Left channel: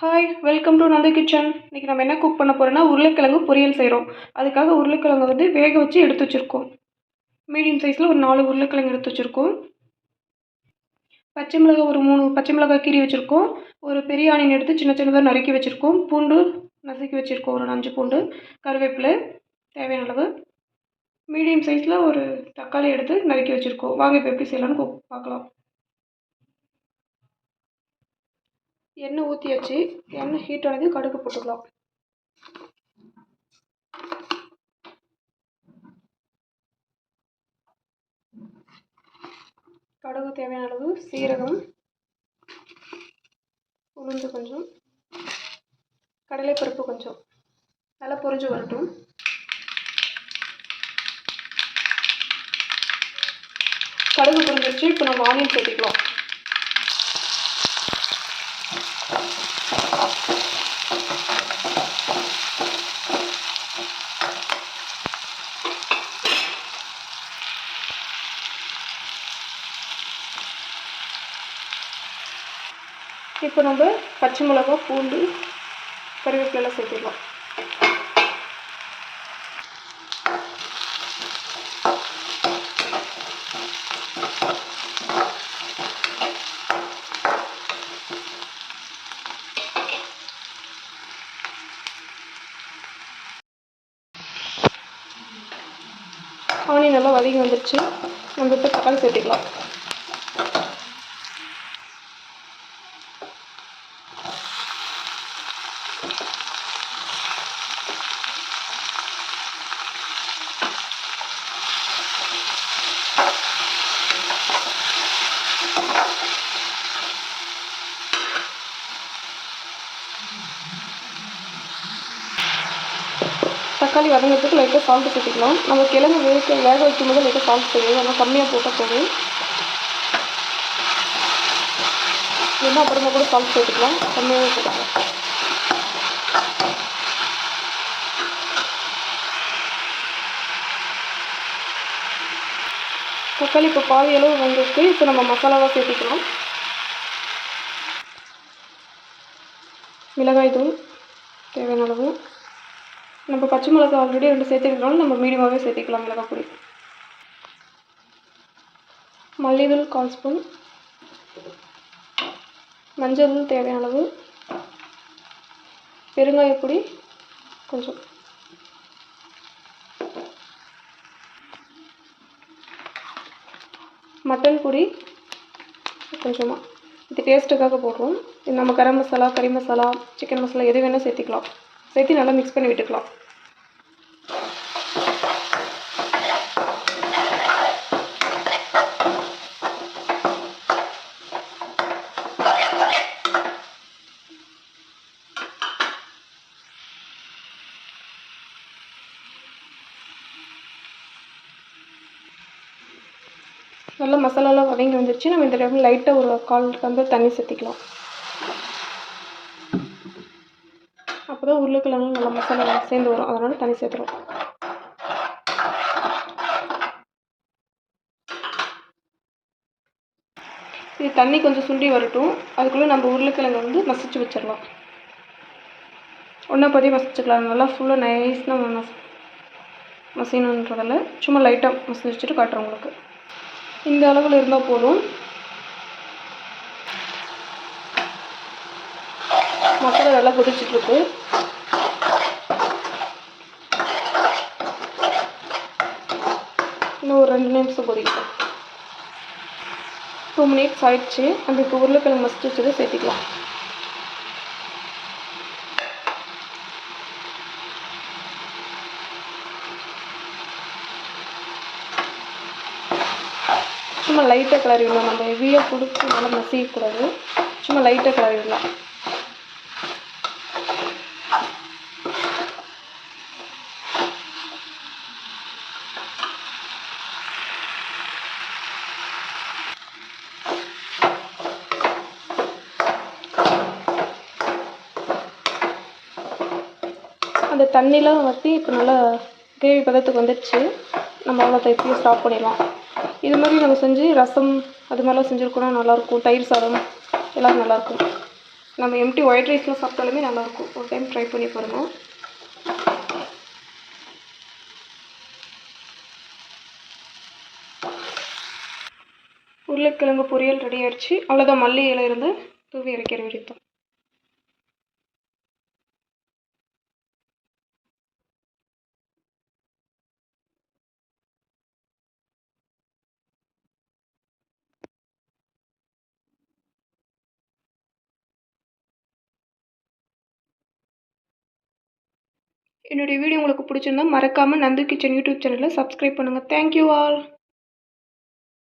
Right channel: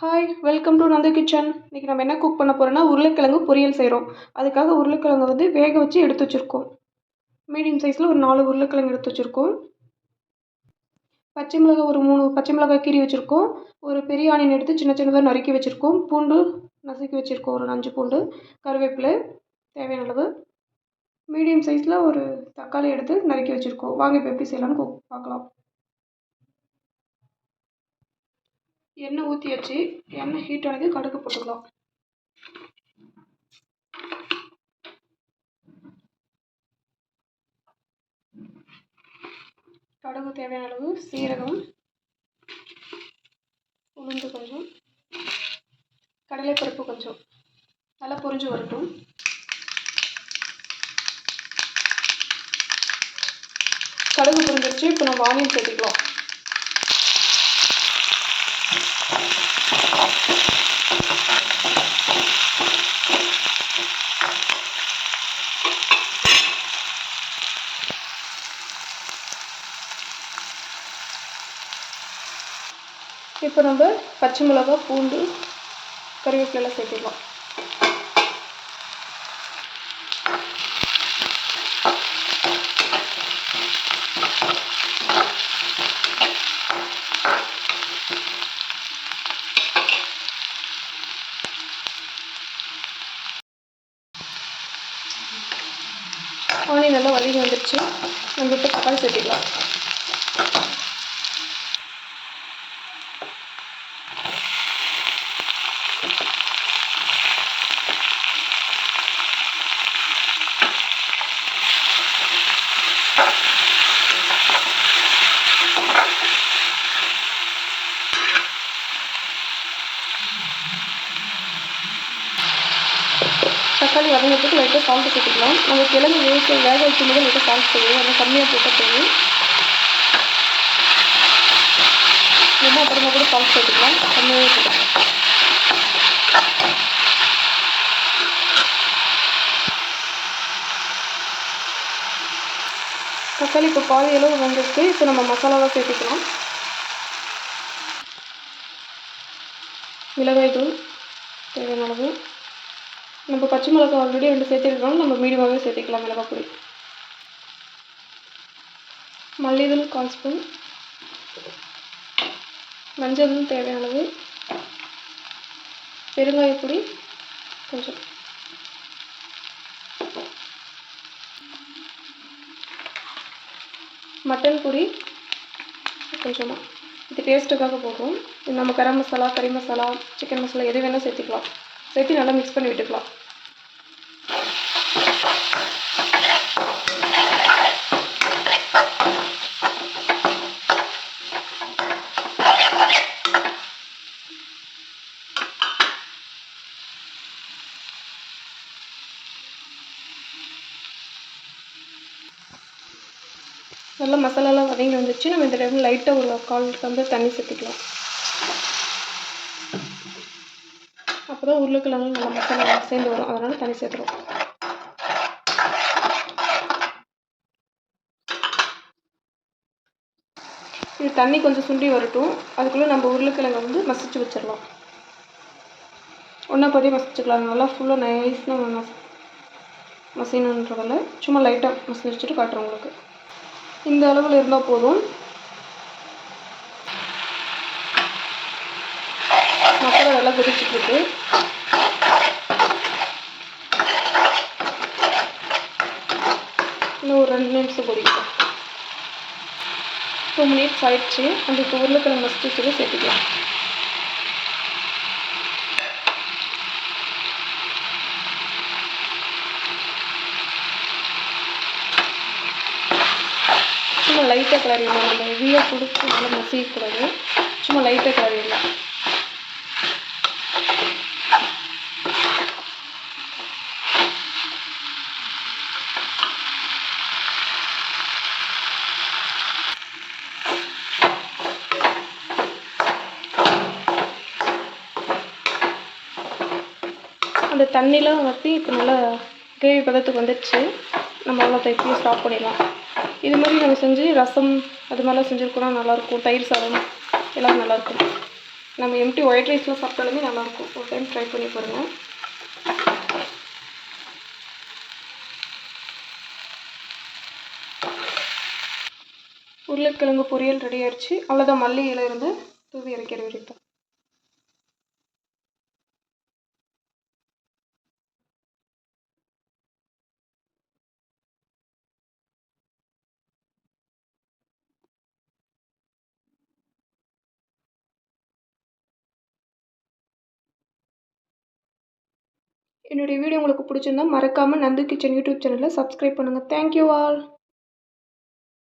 Hi welcome to Nanda kitchen. இன்றைக்கி நம்ம என்ன குக் பண்ண போகிறோன்னா உருளைக்கிழங்கு பொரியல் செய்கிறோம். அதுக்காக உருளைக்கிழங்கு வேக வச்சு எடுத்து வச்சுருக்கோம். மீடியம் சைஸில் ஒரு 4 உருளைக்கிழங்கு எடுத்து வச்சுருக்கோம். பச்சை மிளகாய் ஒரு 3 பச்சை மிளகாய் கீறி வச்சுருக்கோம். ஒரு பெரிய ஆனியன் எடுத்து சின்ன சின்னதாக நறுக்கி வச்சுருக்கோம். பூண்டு நசுக்கி வச்சுருக்கோம், ஒரு 5 பூண்டு. கருவேப்பிலை தேவையான அளவு. மீடியம் சைஸில் ஒரு தக்காளி எடுத்து நறுக்கி வச்சுருக்கோம். வாங்க இப்போ எப்படி செய்யலான்னு பார்க்கலாம். எண்ணெய் ஊற்றியாச்சு. எண்ணெய் ஹீட் ஆனது கடுகு போட்டுக்கலாம். கடுகு தேவையான அளவு, சீரகம், உளுந்து கொஞ்சம், கடலைப்பருப்பு கொஞ்சம் நல்லா பொரிஞ்சு வரட்டும். கடுகு பொரிஞ்சிருச்சு. இப்போ நம்ம ஆனியன் சேர்த்துக்கலாம். இப்போ நம்ம பச்சை மிளகாய், பூண்டு, கருவேப்பிலை சேர்த்துக்கலாம். ஆனியன் நல்லா வதங்கி வந்துடுச்சு. நம்ம இப்போ தக்காளி சேர்த்துக்கலாம். தக்காளி வதங்கிறதுக்கு லைட்டாக சால்ட்டு சேர்த்துக்கலாம். நம்ம கிழங்கு வேக வைக்கும் போது லைட்டாக சால்ட் போடுவோம், ஆனால் கம்மியாக போட்டால் போதும். இல்லைன்னா அப்புறமா கூட சால்ட் சேர்த்துக்கலாம், கம்மியாகவே போட்டுக்கலாம். தக்காளி இப்போ பாதி அளவு வந்துருக்கு. இப்போ நம்ம மசாலாவாக சேர்த்துக்கலாம். மிளகாய் தூள் தேவையான அளவு. நம்ம பச்சை மிளகாய் ஆல்ரெடி 2 சேர்த்துக்கிறோம், நம்ம மீடியமாகவே சேர்த்துக்கலாம் மிளகாய் பொடி. மல்லித்தூள் 1/4 ஸ்பூன், மஞ்சள் தூள் தேவையான அளவு, பெருங்காயப்பொடி கொஞ்சம், மட்டன் பொடி கொஞ்சமாக, இது டேஸ்ட்டுக்காக போடுறோம். இது நம்ம கரம் மசாலா, கறி மசாலா, சிக்கன் மசாலா எது வேணால் சேர்த்துக்கலாம். சேர்த்து நல்லா மிக்ஸ் பண்ணி விட்டுக்கலாம். நல்லா மசாலாலாம் வதங்கி வந்துச்சு. நம்ம இந்த டைம் லைட்டாக ஒரு 1/4 டம்ளர் தண்ணி சேர்த்துக்கலாம். அப்போ தான் உருளைக்கிழங்கு நல்லா மசாலா சேர்ந்து வரும், அதனால் தண்ணி சேர்த்துறோம். இது தண்ணி கொஞ்சம் சுண்டி வரட்டும். அதுக்குள்ளே நம்ம உருளைக்கிழங்கை மசிச்சு வச்சிடலாம். ஒன்றா பாதி மசிச்சுக்கலாம். நல்லா ஃபுல்லாக நைஸ்னால் மசியணுன்றதில் சும்மா லைட்டாக மசிச்சு வச்சுட்டு காட்டுறேன் உங்களுக்கு. இந்த அளவில் இருந்தால் போதும். மசாலா நல்லா கொதிச்சுட்ருக்கு. இன்னும் ஒரு 2 நிமிஷம் கொதிக்கும். 2 மினிட்ஸ் ஆயிடுச்சு. அந்த இப்போ உருளைக்கிழங்கு மசிச்சு வச்சுட்டு சேர்த்துக்கலாம். சும்மா லைட்டாக கிளறி விடலாம். நம்ம ஹெவியாக கொடுத்து நல்லா மசிக்கக்கூடாது. சும்மா லைட்டாக கிளறி விடலாம். அந்த தண்ணிலாம் வற்றி இப்போ நல்லா கிரேவி பதத்துக்கு வந்துடுச்சு. நம்ம அவ்வளோ தைப்பையும் ஸ்டாப் பண்ணிடலாம். இது மாதிரி நம்ம செஞ்சு ரசம் அது மாதிரிலாம் செஞ்சுருக்கோன்னா நல்லாயிருக்கும். தயிர் சாதம் எல்லாம் நல்லாயிருக்கும். நம்ம எம்டி ஒயிட் ரைஸில் சாப்பிட்டாலுமே நல்லாயிருக்கும். ஒரு டைம் ட்ரை பண்ணி பாருங்கள். உருளைக்கிழங்கு பொரியல் ரெடி ஆயிடுச்சு. அவ்வளோதான், மல்லி இலை இருந்து தூவி இறக்கிற வரைக்கும். என்னுடைய வீடியோ உங்களுக்கு பிடிச்சிருந்தா மறக்காமல் நந்து கிச்சன் யூடியூப் சேனலை சப்ஸ்கிரைப் பண்ணுங்கள். Thank you all.